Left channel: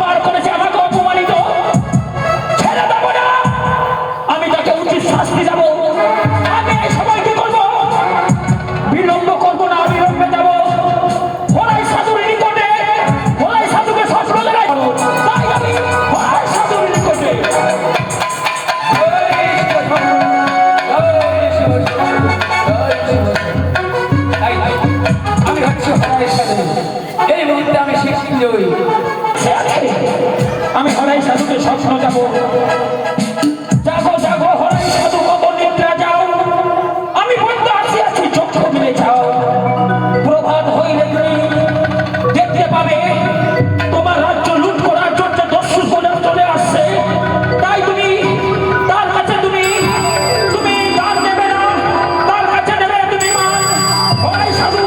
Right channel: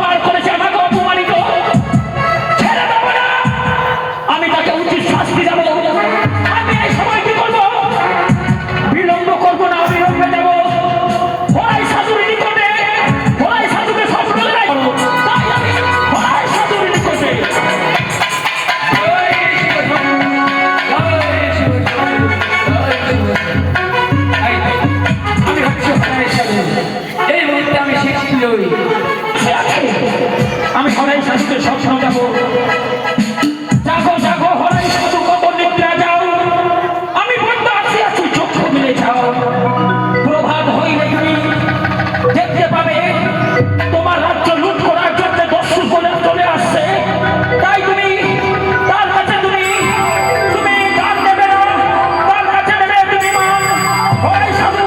পার করেছে, আমাকে অপমানিত, ছেড়ে দেবো না, আমি তাকে উচিত শাস্তি দেবো। আমি এই সময় কি করবো? বিলম্ব করবো না, বিলম্বে যাবো হরাই সাধুর নিকটে। হরাই সাধুকে স্বপ্ন দেখাই, তাই আমি হরাই সাধুর নিকটে। আমি হচ্ছি হরাই সাধু, এই মুহূর্তে আমি শিখছি নই। আমি হরাই সাধুকে স্বপ্ন দেবো। জাগো জাগো হরাই সাধু, কত নিদ্রা যাও, আমি বন্ধ আছি আছি, চক্ষু মিলে যাও। প্রভাত হইলে তুমি দেখতে পাবে তোমার রাজ্য লুট করার জন্য দস্যু চলে আসছে। তাই তুমি তার কাছে তুমি দান দেবে না, তার কাছে দেবে তুমি মান। হরাই সাধু,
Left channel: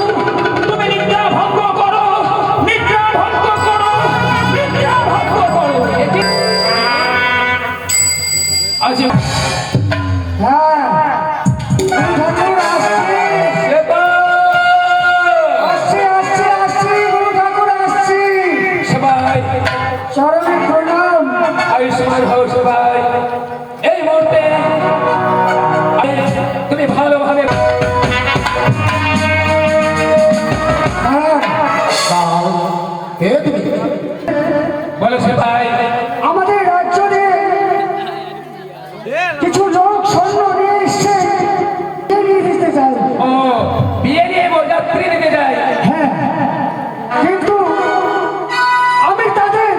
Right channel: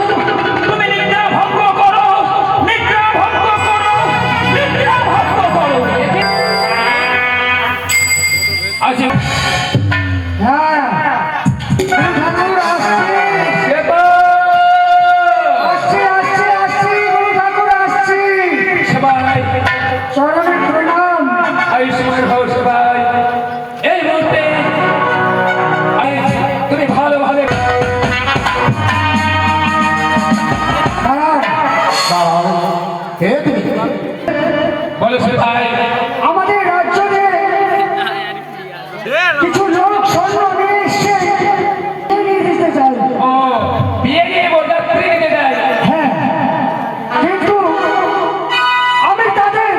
তুমি নিদ্রা ভঙ্গ করো, নিদ্রা ভঙ্গ করো, নিদ্রা ভঙ্গ করো। আজ এই মুহূর্তে তুমি ভালোভাবে বলো সে ভাই। আমাদের রাজ্যে কিছু লোক স্বর্ণ নিয়ে এসছে, নিয়ে দিতে চাই। ও বিয়ে নিয়ে বরযাত্রী নিতে যাই। হ্যাঁ, কিন্তু আমি তাদের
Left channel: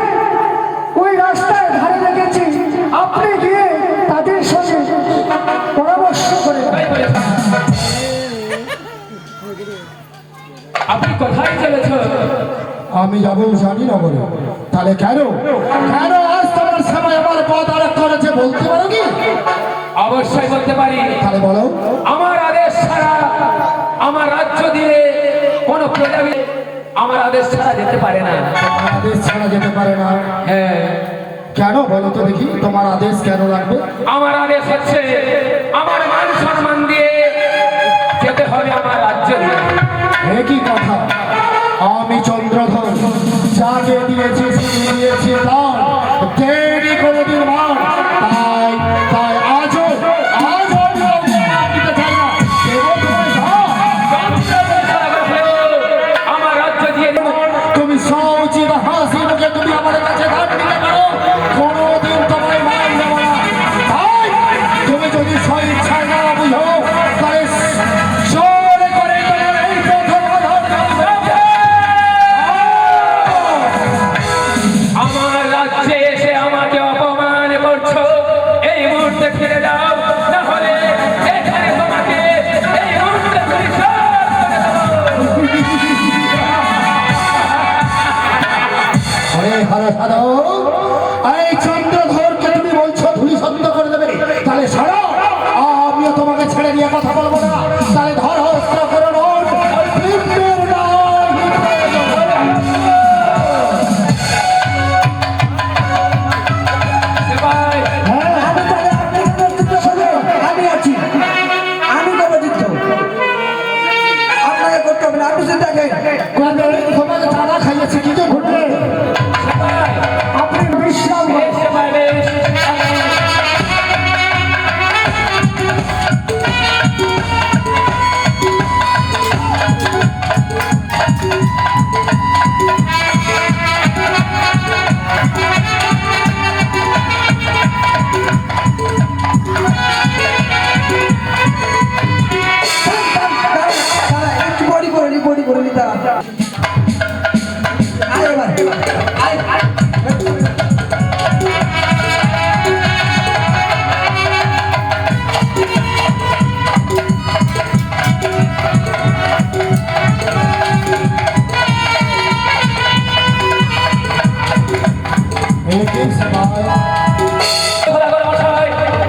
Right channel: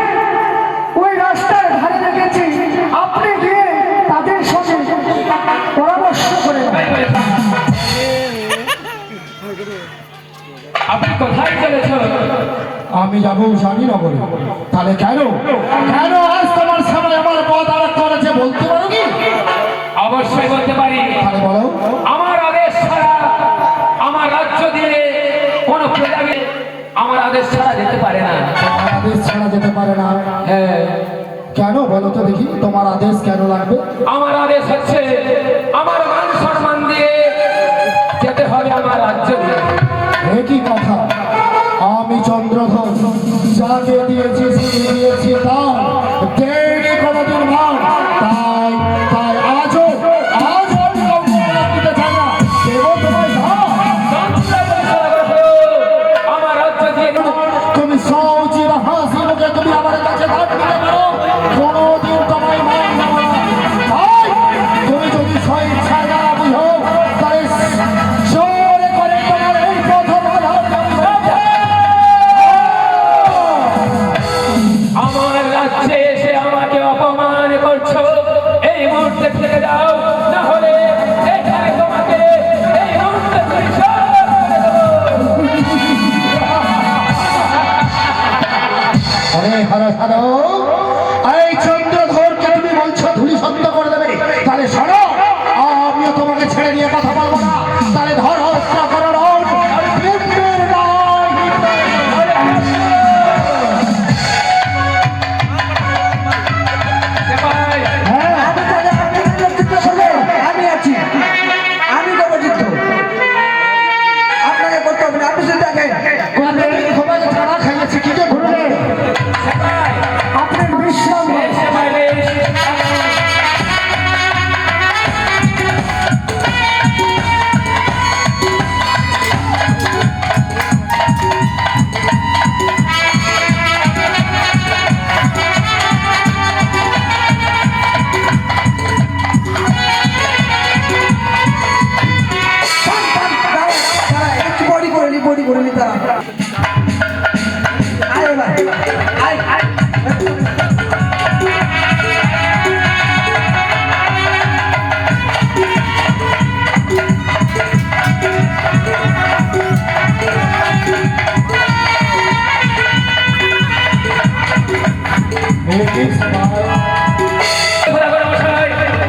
ওই রাস্তায় ধারে রেখেছি, আপনি গিয়ে তাদের সাথে পরামর্শ করে। আপনি কোথায় চলেছ? আমি যাবো শালীনগরে। তাহলে কেন কেন আজ তোমার সামনে আমার পথ আরোপ করেছে বলতে পারো কি? অবশ্যই বলতে পারি। তাহলে বলো। আমার আদেশ ছাড়া, আমার রাজ্য দিয়ে কোনো প্রজা আমার আদেশ ছাড়া যেতে পারে না। তোমার আদেশ ছাড়া যেতে পারে না? হ্যাঁ। কেন বলো তো দেখি, তোমার আদেশ কেন লাগবে? আমার আদেশ হচ্ছে আমার মান সম্মান দিয়ে যেতে হবে আমার রাজ্য দিয়ে। একই কথা, আমি চন্দ্রধর যাকে দিয়েছি দিয়েছি দান, দেয়নি কোনোদিন মান। তাই তাই আজও আমি কাউকে মান দিতে চাই না। দেবো তোমায় দান। আমার রাজ্য দিয়ে তুমি সৌচি বা হাসি মুখে তুমি আমার কাছে দান দিতে পারো, কোনোদিন তোমায় মান দেবো না। তাই তুমি যদি স্বইচ্ছায় না বুঝো, তাই সরে করে তোমার এই কথা বাধা দেবো। আমার রাজ্যে এসে আমাকে অপমান করছো, এই মুহূর্তে ফিরে যাও, না হলে এখানে তোমাকে এই মুহূর্তে পরিষ্কার করে দেবো। আরে হর সাধু, এই চন্দ্রধরকে তুমি বলছো ধুলি শব্দ করে দেবে? তাহলে শোনো, আমিও তোমাকে ছেড়ে নিয়ে কথা বলবো না। তাহলে ধর অস্ত্র করো, পিণ্ডের নয়। হ্যাঁ, আমি তাহলে আপনাদের নেতৃত্বে শোনো, আমি আছি, আমি নবযুদ্ধ। আপনাকে করতে হবে না, আপনি শুধু আগে তোমাকে ছাড়া খাইয়েছি কি যে ঘুরবে? আপনি বিশ্রাম নেন। বডি করে নি তারা। আয় এবার, আয় আয়। एक सवाल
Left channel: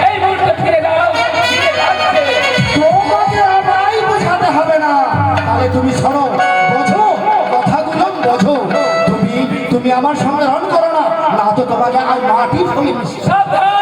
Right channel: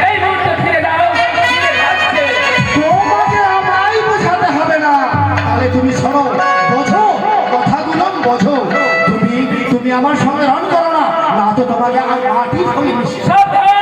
এই মুহূর্তে ফিরে যাও, ফিরে যাচ্ছে। তোমাকে আমায় বোঝাতে হবে না। তাহলে তুমি শোনো, বোঝো কথাগুলো, বোঝো। তুমি আমার সঙ্গে রণ করো না, না তো তোমাকে আর মাটি ফলি মিশিয়ে সাবধান!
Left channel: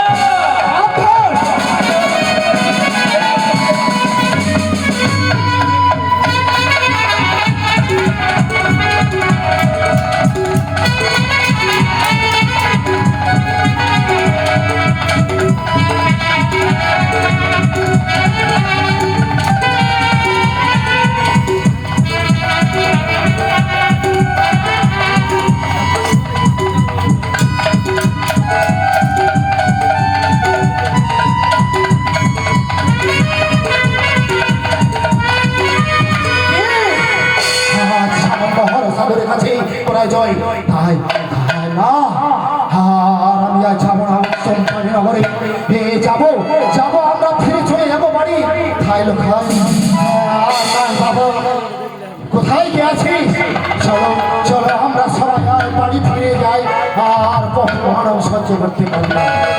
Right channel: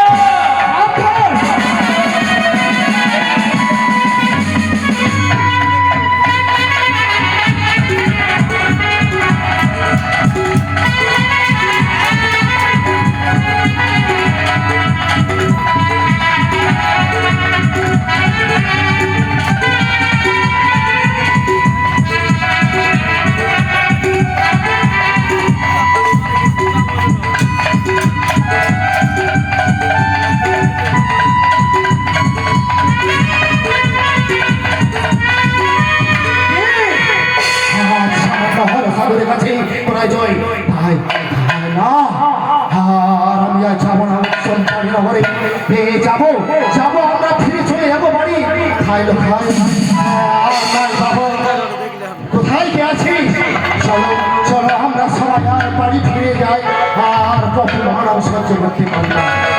না আর আমি আর যাবো না সন্তান নগরে যাবো যাবো আমরা ফিরে চলে যাবো বাড়ি খাইলো খাই বাবা কোথায় গেছি চলো চলো আমরা সবাই আর বাড়ি ফিরে যাই আর কখনো আমরা সহ্য করতে পারি না